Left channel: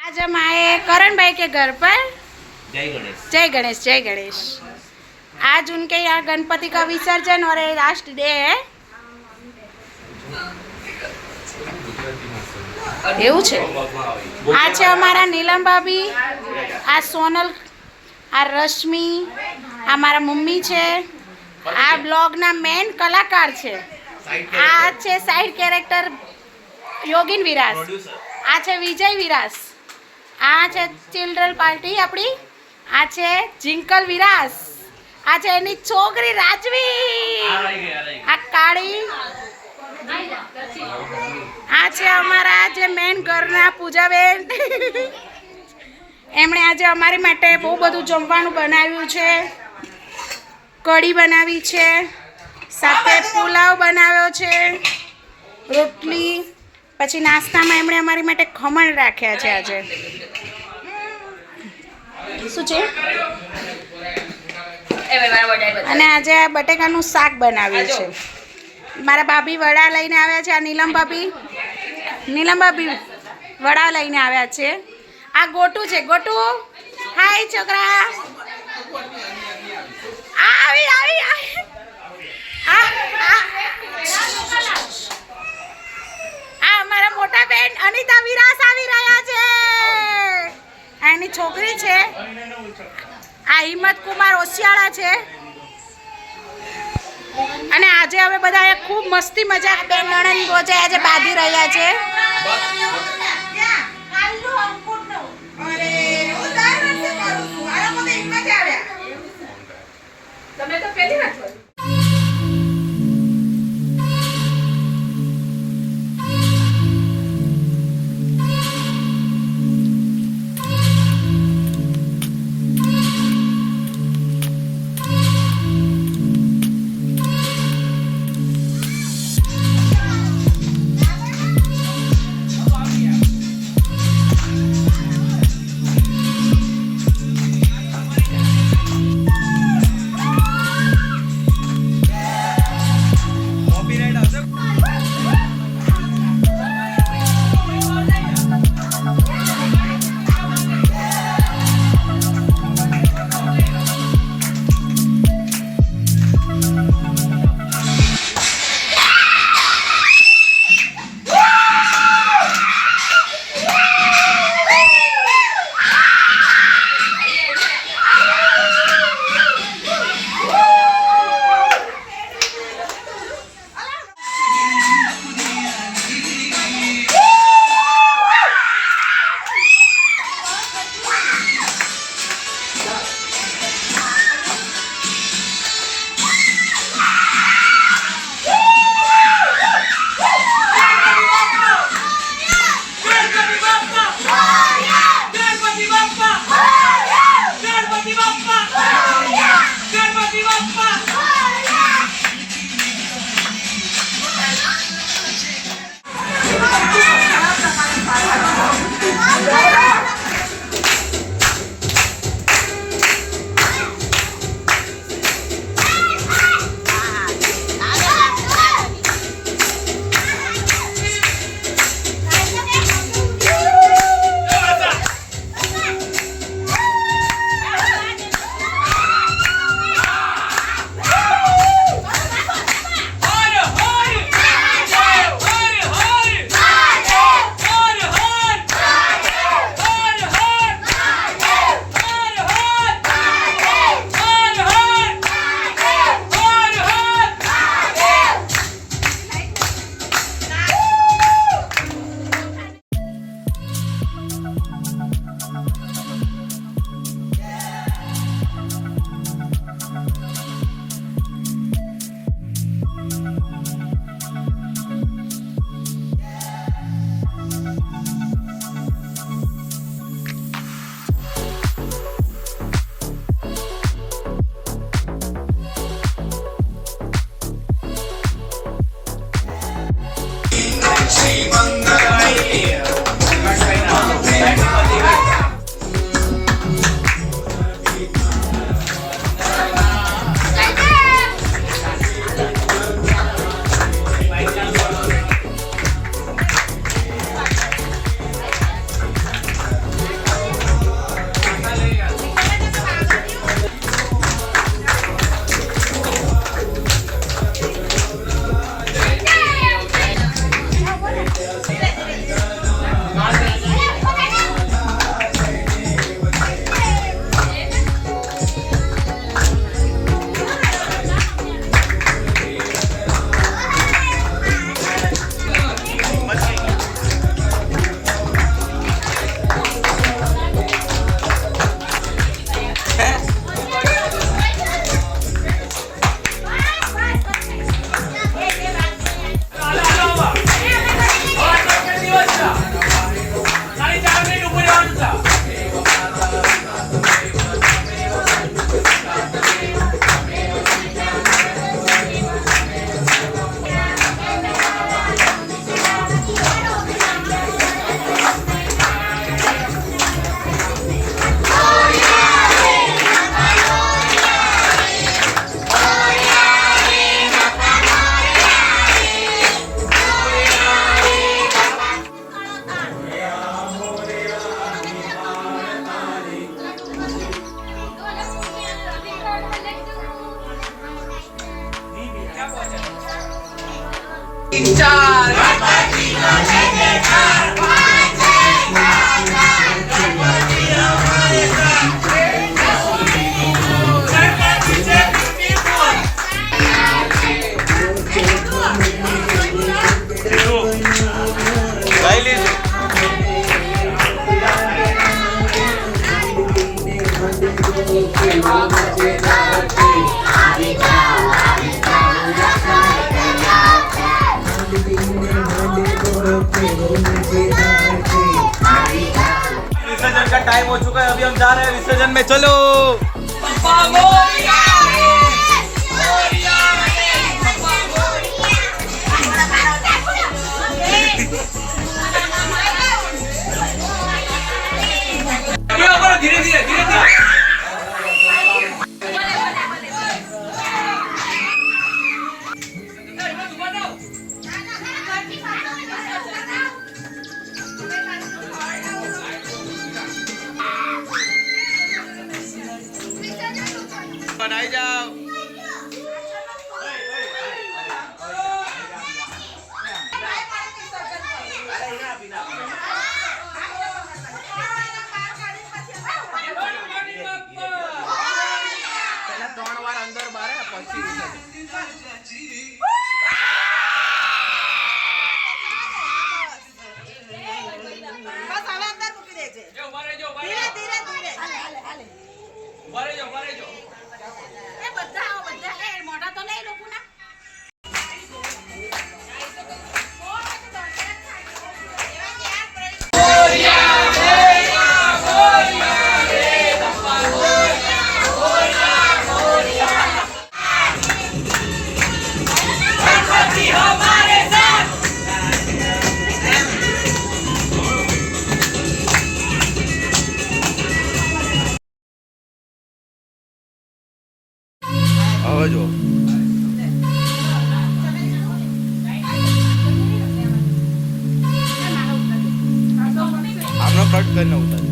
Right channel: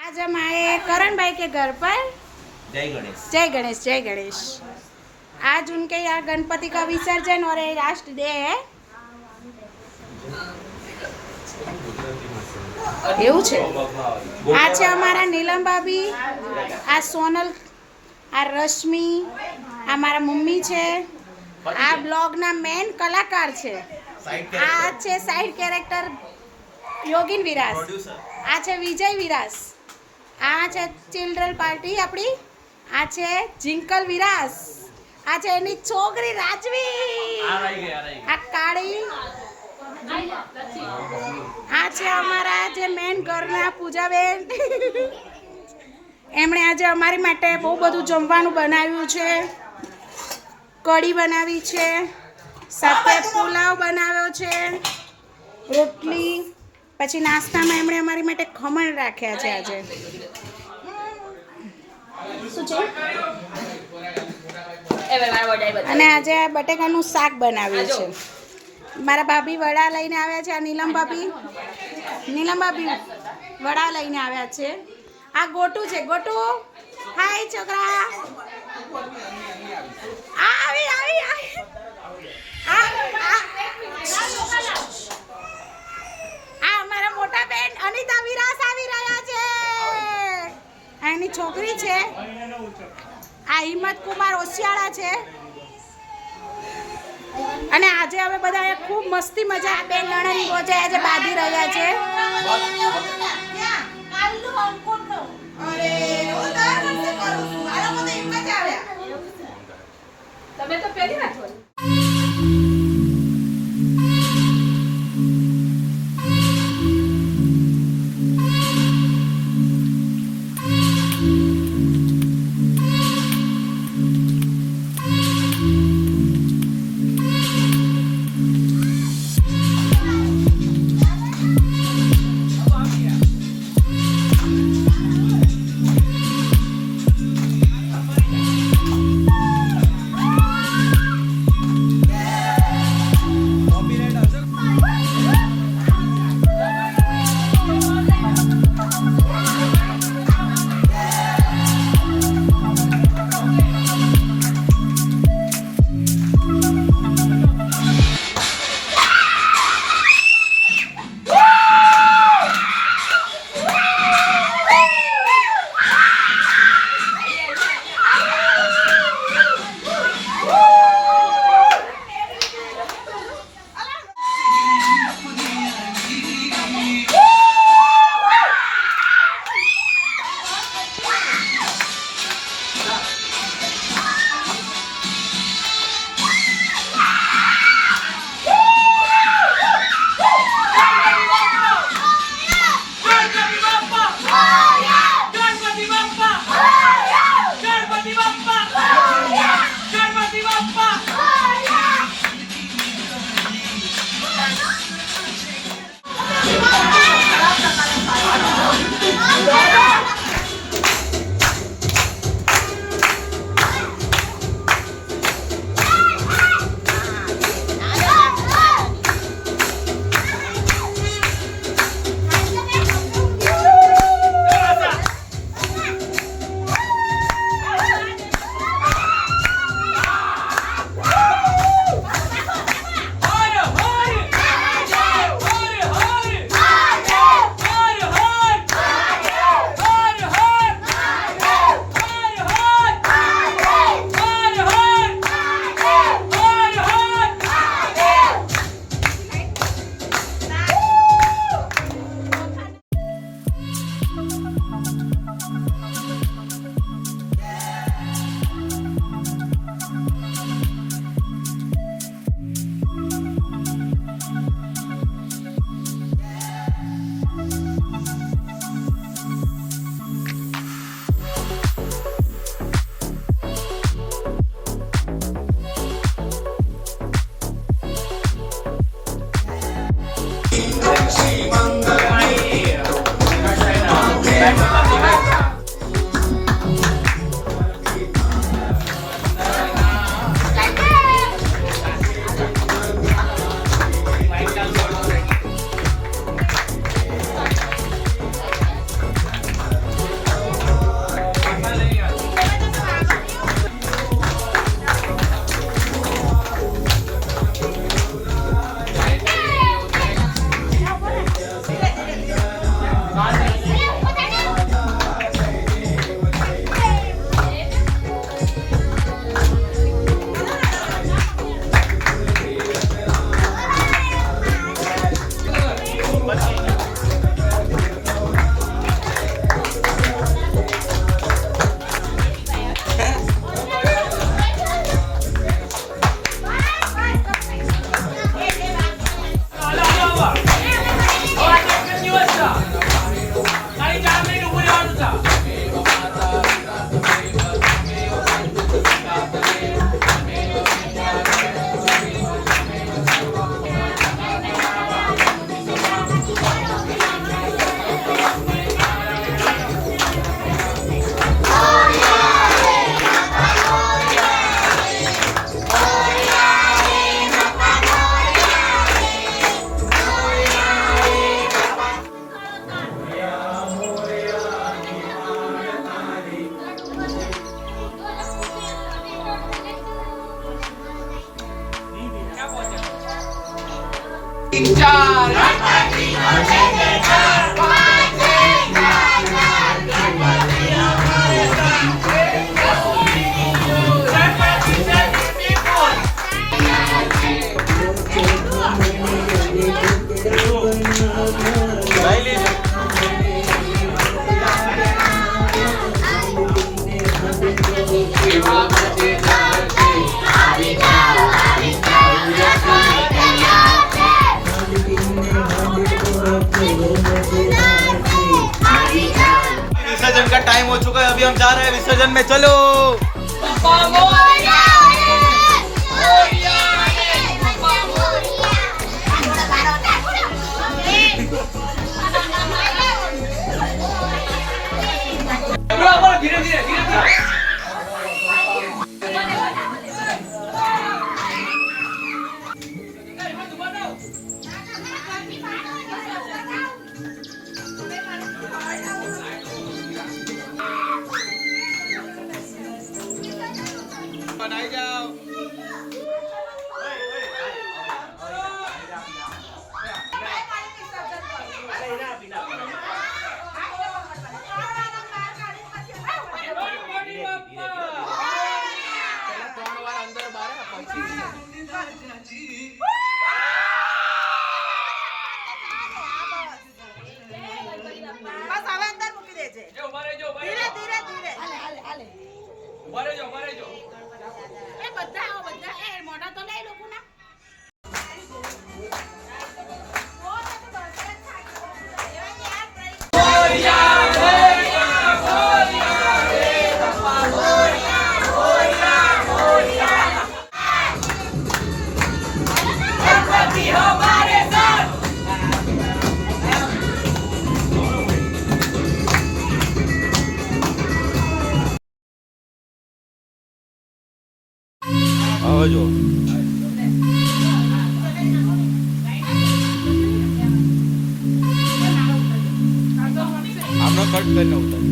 आज हम आए करण भाई के घर पर જય ગણેશ जय गणेश जय गणेश आज उनके यहाँ गणपति का विसर्जन और ये लास्ट डे है એવું છે આ છે અમારા નીલમ ભાભી આ સોનલ આ રશ્મિ આ મારા મમ્મી છે આ બ્લોગના મેન કલાકાર છે આ છે સાઈડ કેરેક્ટર યોગિન વિરાસ આ છે વિજય વિરાસ આ છે ચિલ્ડ્રન પાર્ટી આપણી. આ છે જિંકલ વિરાસ. આ છે એની છોકરી રાજવી આ કાળી. આ છે અમારા જે મેન ઘરના પૂજાબેન. એમણે આજે અમારી માટે બહુ બધું જમવાનું બનાવ્યું છે. કઢી બનાવી છે. સાથે પુલાવ બનાવ્યો છે. રોટલી. પછી નાસ્તામાં એમણે અમારી માટે ખમણ રાખ્યા છે આજે. શું છે? અને આજે આ બટેકાનું શાક બનાવ્યું છે. મારા ભાભી વડા લઈને આવ્યા છે આ નીલમ ભાભી. નીલમ ભાભી વડા લઈને આવ્યા છે. આ ગોટુ છે ગોટુ. હાય છોકરા. આવી આવી આવી. આ આ. નાની છોકરી છે. આ હિંમત કુમાર ઓશિયાળા છે. અને આજે હવે બધા ખૂબ મસ્તી મજા બે નણંદ આજે બાંધી રહ્યા છે. તમે તો પેલી નાખો ચાર चुका है अभी हम जा रहे हैं विसर्जन में चलो धीरे धीरे ફટાફટ આવી જાઓ અંદર બારે પછી ધીરે ધીરે ધીરે. ઊભા રહેજો ઊભા રહેજો. એ બધા બધા. એ મોટા તો નહીં કટ કરીને ઉતાર